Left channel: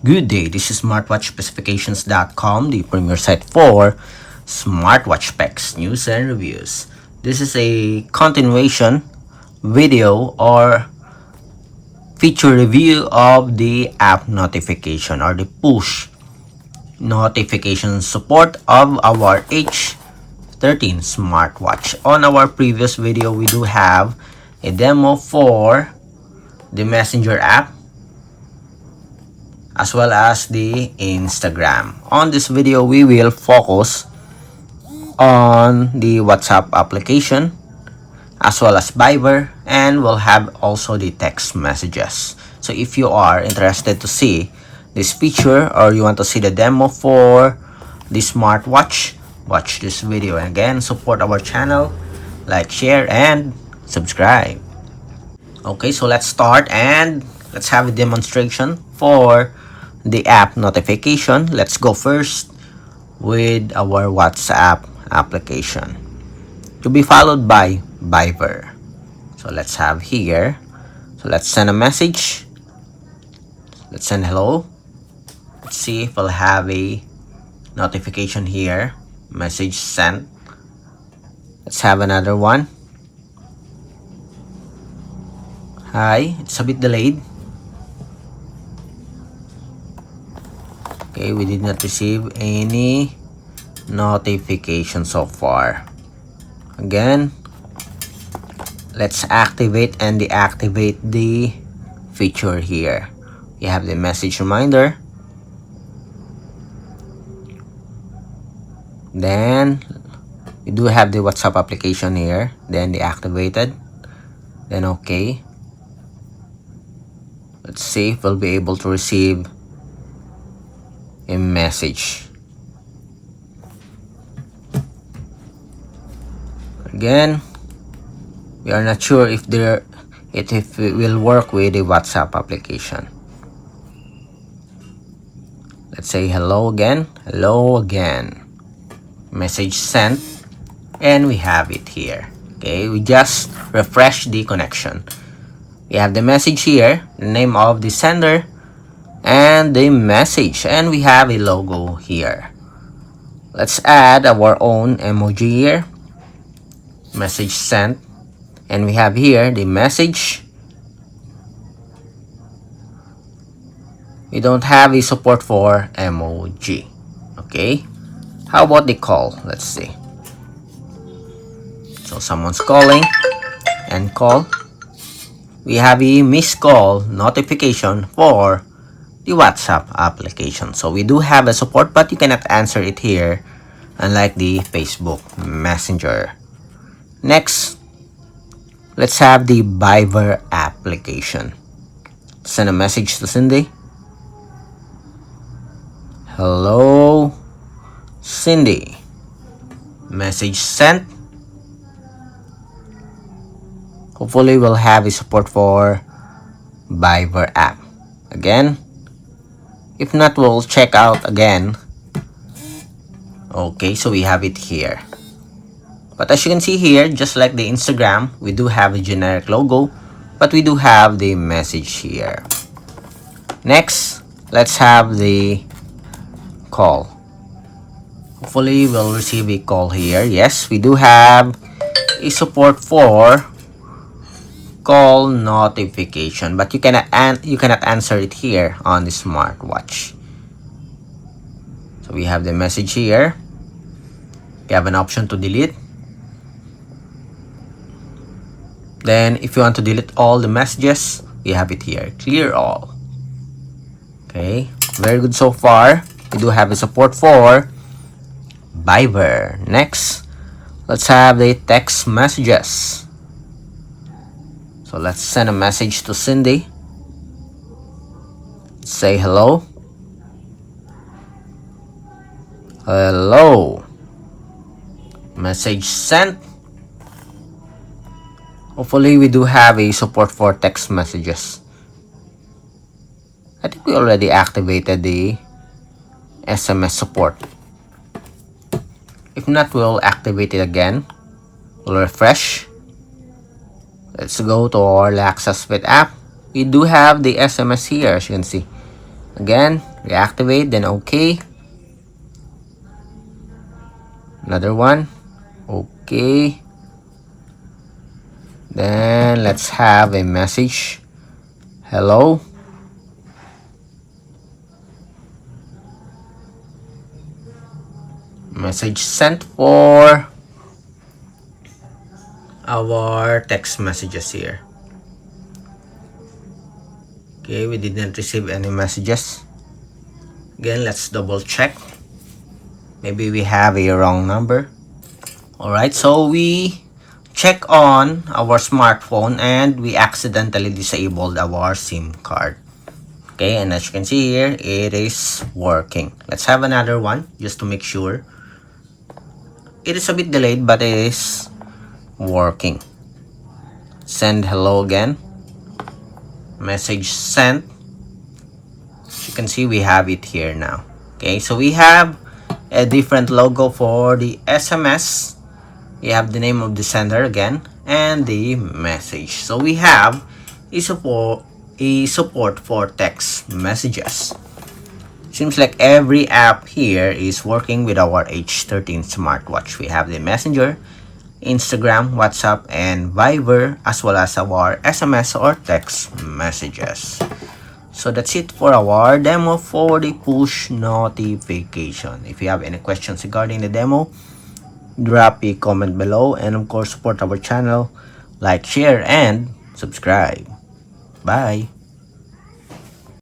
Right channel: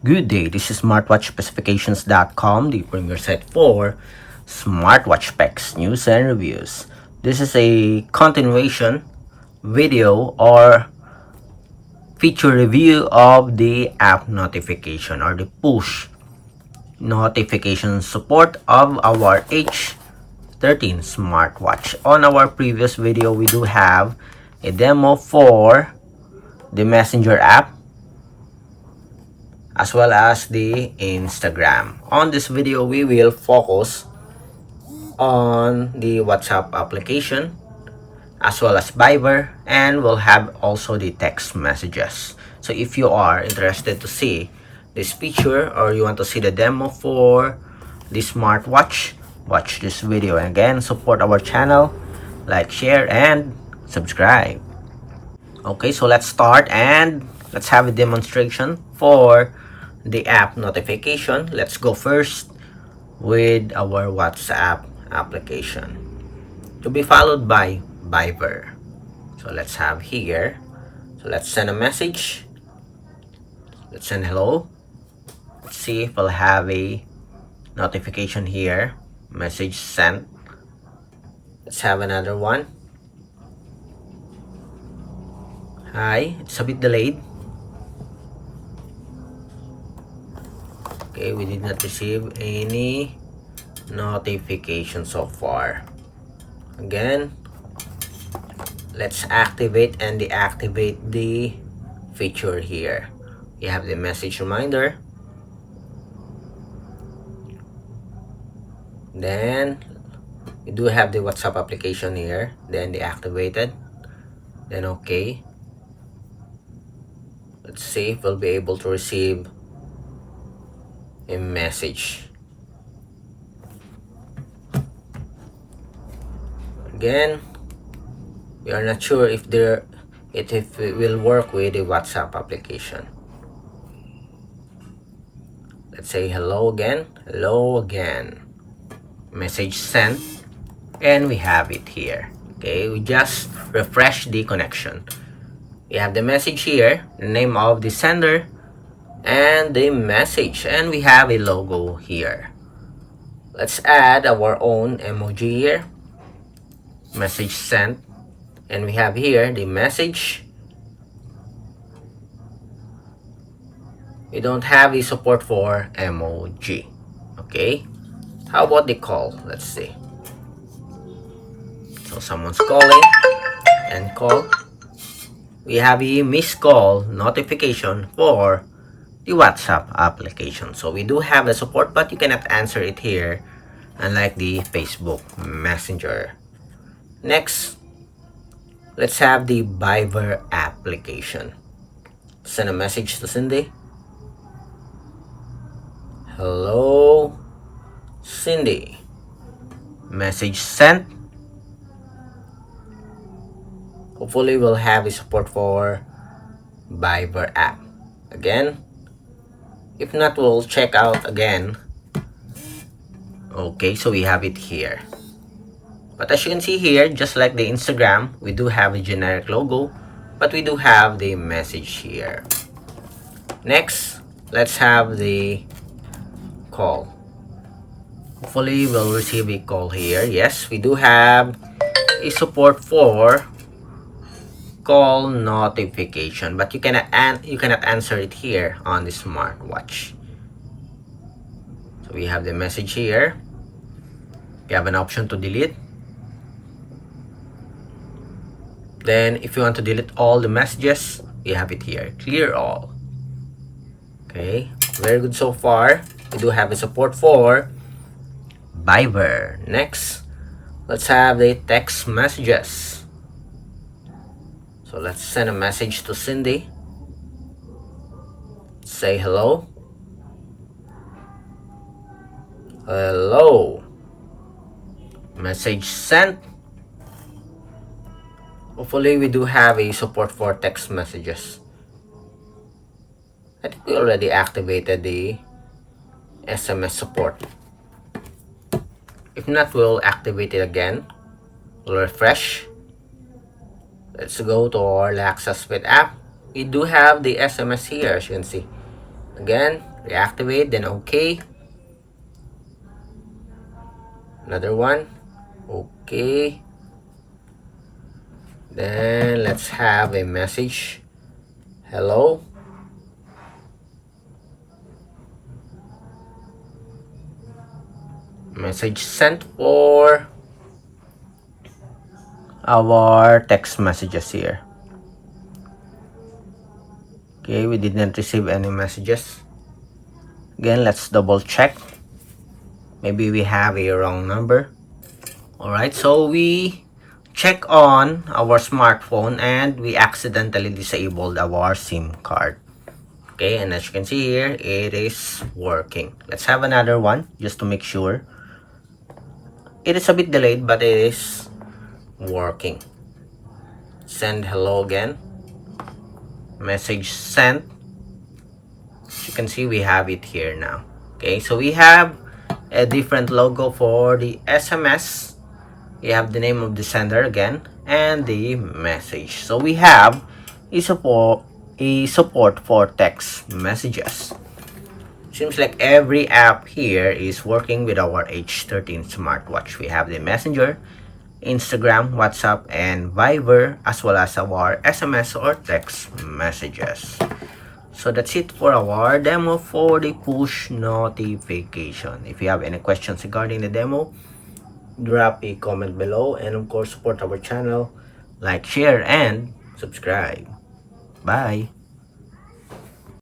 Good day, this is smartwatchspecifications.com, the premier site for smartwatch specs, news, and reviews. This is a continuation video or feature review of the app notification or the push notification support of our H13 smartwatch. On our previous video, we do have a demo for the Messenger app as well as the Instagram. On this video, we will focus on the WhatsApp application as well as Viber, and we'll have also the text messages. So if you are interested to see this feature or you want to see the demo for the smartwatch, watch this video. And again, support our channel, like, share, and subscribe. Okay, so let's start and let's have a demonstration for the app notification. Let's go first with our WhatsApp application, to be followed by Viber. So let's have here. So let's send a message. Let's send hello. Let's see if we'll have a notification here. Message sent. Let's have another one. Hi, it's a bit delayed. Okay, we did not receive any notification so far. Again, let's activate and deactivate the feature here. You have the message reminder. Then you do have the WhatsApp application here. Then deactivated. Then okay. Let's see if we'll be able to receive a message. Again, we are not sure if it will work with the WhatsApp application. Let's say hello again. Hello again. Message sent, and we have it here. Okay, we just refresh the connection. We have the message here, the name of the sender, and the message, and we have a logo here. Let's add our own emoji here. Message sent, and we have here the message. We don't have a support for emoji. Okay, how about the call? Let's see. So someone's calling, and call. We have a missed call notification for the WhatsApp application. So we do have a support, but you cannot answer it here, unlike the Facebook Messenger. Next, let's have the Viber application. Send a message to Cindy. Hello, Cindy. Message sent. Hopefully we'll have a support for Viber app. Again, if not, we'll check out again. Okay, so we have it here. But as you can see here, just like the Instagram, we do have a generic logo, but we do have the message here. Next, let's have the call. Hopefully we'll receive a call here. Yes, we do have a support for call notification, but you cannot answer it here on the smartwatch. So we have the message here. You have an option to delete. Then if you want to delete all the messages, you have it here, clear all. Okay, very good so far. We do have the support for Viber. Next, let's have the text messages. So let's send a message to Cindy. Say hello. Hello. Message sent. Hopefully we do have a support for text messages. I think we already activated the SMS support. If not, we'll activate it again. We'll refresh. Let's go to our Alexa Split app. We do have the SMS here, as you can see. Again, reactivate, then okay. Another one, okay. Then let's have a message, hello. Message sent for our text messages here. Okay, we didn't receive any messages. Again, let's double check. Maybe we have a wrong number. Alright, so we check on our smartphone and we accidentally disabled our SIM card. Okay, and as you can see here, it is working. Let's have another one just to make sure. It is a bit delayed, but it is working. Send hello again. Message sent. As you can see, we have it here now. Okay, so we have a different logo for the SMS. We have the name of the sender again and the message. So we have a support for text messages. Seems like every app here is working with our H13 smartwatch. We have the Messenger, Instagram, WhatsApp, and Viber, as well as our SMS or text messages. So that's it for our demo for the push notification. If you have any questions regarding the demo, drop a comment below, and of course support our channel, like, share, and subscribe. Bye.